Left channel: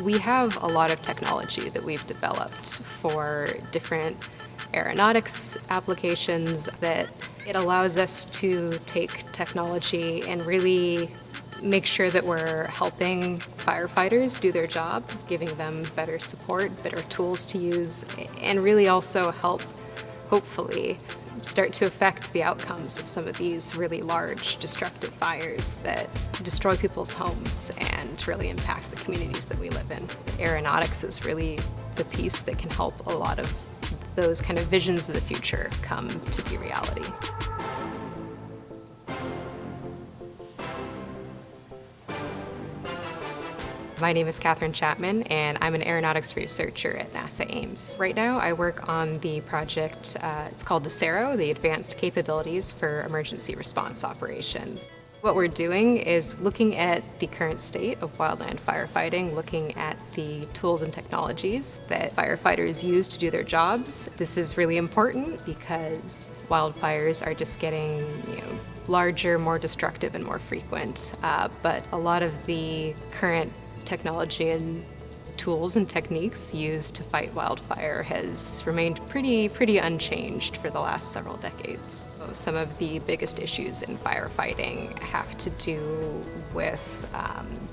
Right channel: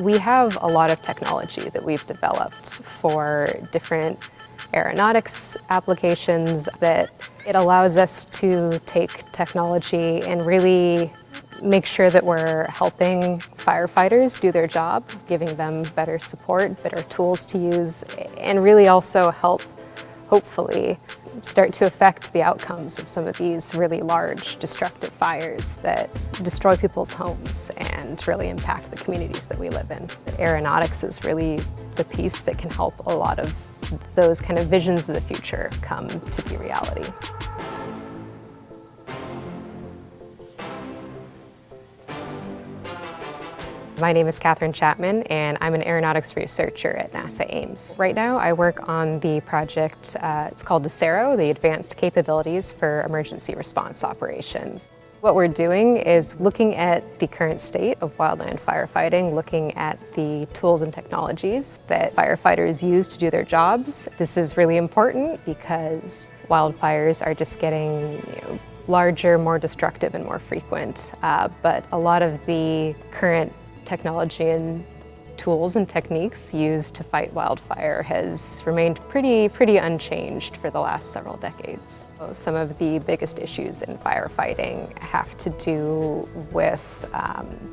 We have a lot of technology that we've developed for different aeronautics applications that it allows us to take technology and really make sure that we're helping firefighters do their job, giving them better support, better tools to use, and really also help, hopefully, start to affect the outcomes of some of these really large destructive fires that destroy people's homes and really impact the communities that we live in. Aeronautics is really the piece that can help a lot of those kind of visions of the future come to be reality. My name is Kathryn Chapman, and I'm an aeronautics researcher at NASA Ames. Right now, I work on the project, it's called ACERO, the Advanced Capabilities for Emergency Response Operations. What we're doing is looking at the current state of wildland firefighting, looking at the tools and technologies that firefighters use to do their jobs. This is really important because wildfires are just getting, larger, more destructive, and more frequent. But a lot of the current technology and tools and techniques used to fight wildfire has remained pretty unchanged for the last several decades. Some of the biggest issues in firefighting have to do with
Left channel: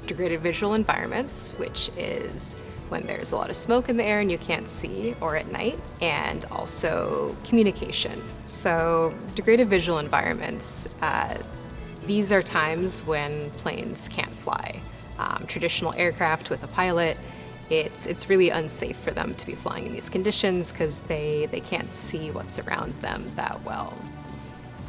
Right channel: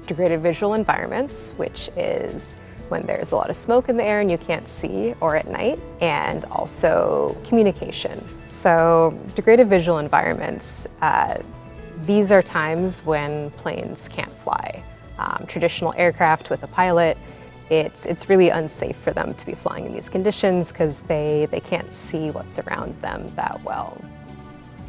degraded visual environments, which is when there's a lot of smoke in the air and you can't see, or at night, and also communication. So degraded visual environments, these are times when planes can't fly. Traditional aircraft with a pilot, it's really unsafe for them to be flying in these conditions because they can't see what's around them that well.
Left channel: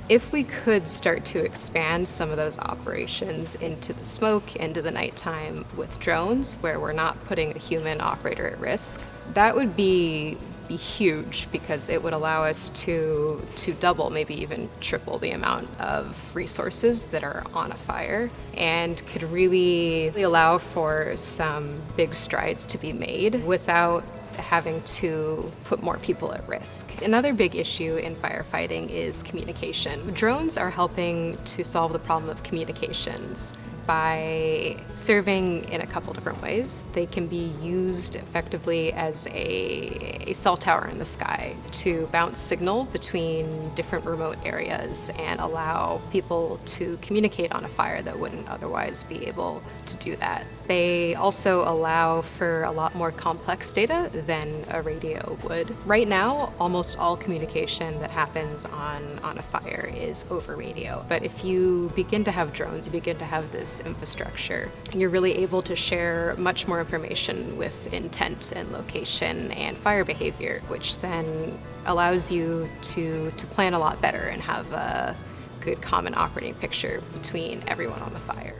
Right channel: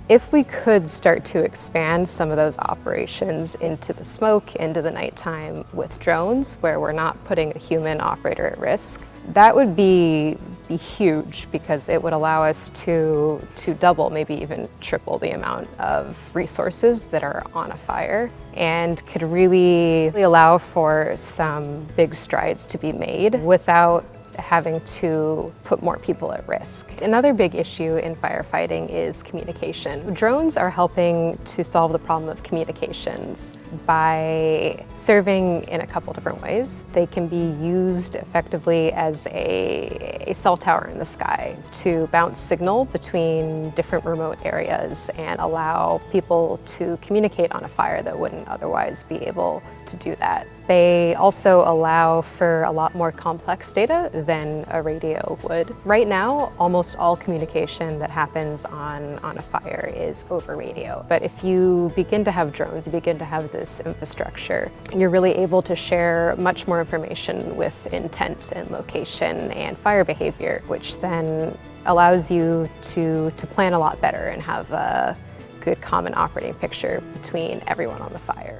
If we could start to expand some of those operations into the smoke, into the nighttime with drones, where we're not putting a human operator at risk, that would be huge because it would allow us to double, maybe even triple the amount of resources that are on a fire, and could really allow for some big strides to be made without having to put more people at risk. Another big issue in firefighting is communication. Drones are helping to solve the problem of communications by serving in a couple different ways. They can be used effectively as a cell tower in the sky to bounce signal between different remote areas and allow people to communicate on a fire that wouldn't otherwise be able to do that. They also allow for a lot more complex data than a radio would. Right now, almost all communication that happens on a fire is over radio. But if you begin to have drones, you begin to have this infrastructure, you're really able to share much more information with intent and location and fire behavior, which then allows you to plan a lot better and have a good common operating picture between everyone on the fire.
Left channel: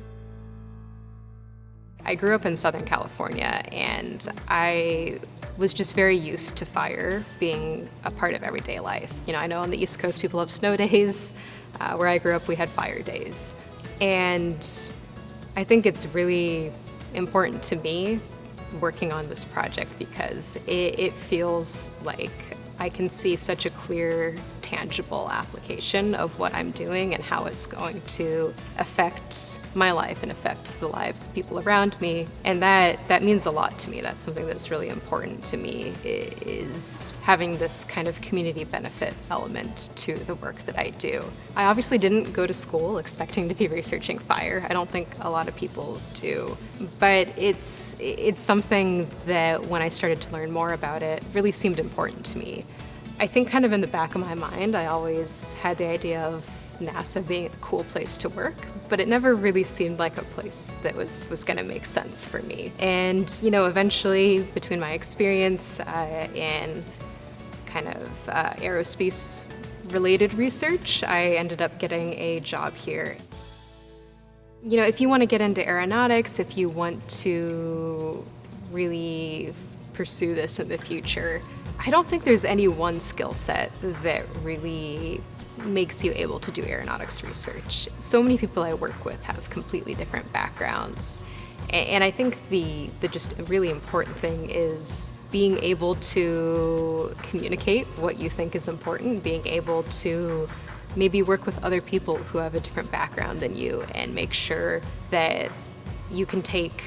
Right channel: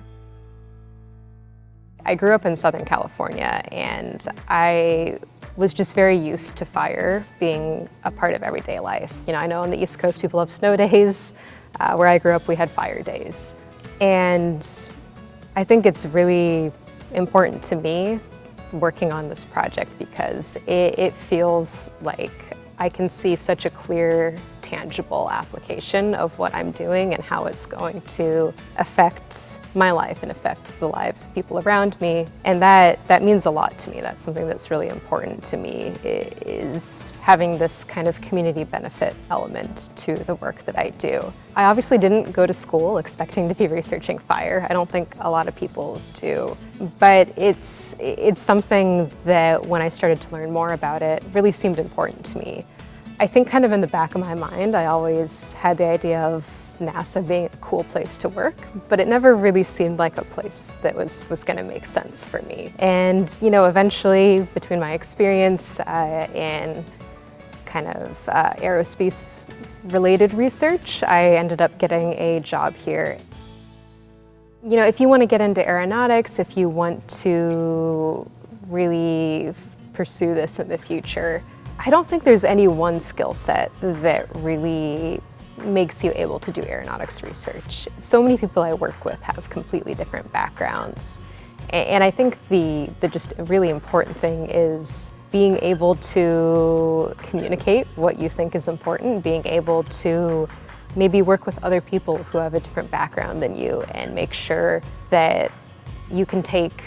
I grew up in Southern California, and I was just very used to fire being a part of everyday life. I know on the East Coast people have snow days. Where I grew up, we had fire days. And I think it's really important to me working on this project because it feels like I can see such a clear, tangible application of what I'm doing and how it's going to affect my life and affect the lives of people around me. And that means a lot to me. That's something that's really important to me, is having this kind of community benefit element to the work that I do. I obviously didn't go to school expecting to be researching fire. I don't think a lot of people do. But it's something that when I started to learn more about it, really seemed important to me. I think kind of in the back of my mind, I always had the idea of NASA being a cool place to work, but it never really seemed like a place that was going to make sense for me. And eventually, between my experience in kind of aerospace-related research, I ended up getting a job here. If you want to get into aeronautics, if you want to really pursue this in the future, I don't think there's any one skill set that really makes you able to do aeronautics research. So many people I work with have completely different backgrounds. And I think the just really important thing is being able to communicate what you think is important, being able to maybe work with other people who have a different background than you and make sure that you can take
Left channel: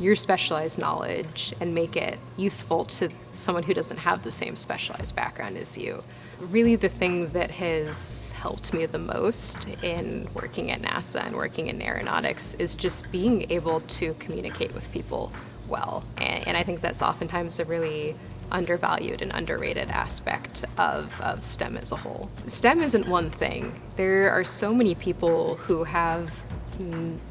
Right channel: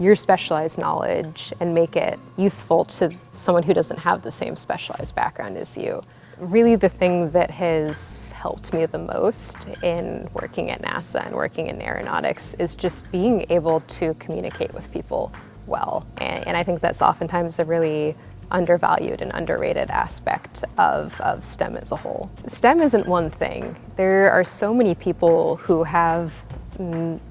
your specialized knowledge and make it useful to someone who doesn't have the same specialized background as you. Really the thing that has helped me the most in working at NASA and working in aeronautics is just being able to communicate with people well. And I think that's oftentimes a really undervalued and underrated aspect of STEM as a whole. STEM isn't one thing. There are so many people who have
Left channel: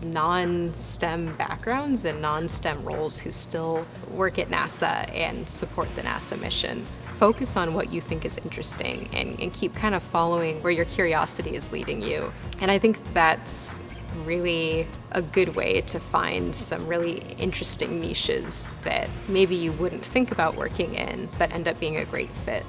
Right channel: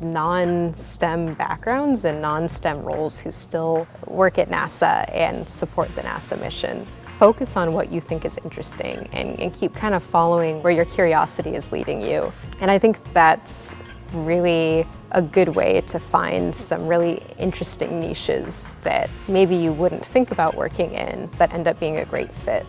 non-STEM backgrounds and non-STEM roles who still work at NASA and support the NASA mission. Focus on what you think is interesting and keep kind of following where your curiosity is leading you. And I think that's really a good way to find some really interesting niches that maybe you wouldn't think about working in, but end up being a great fit.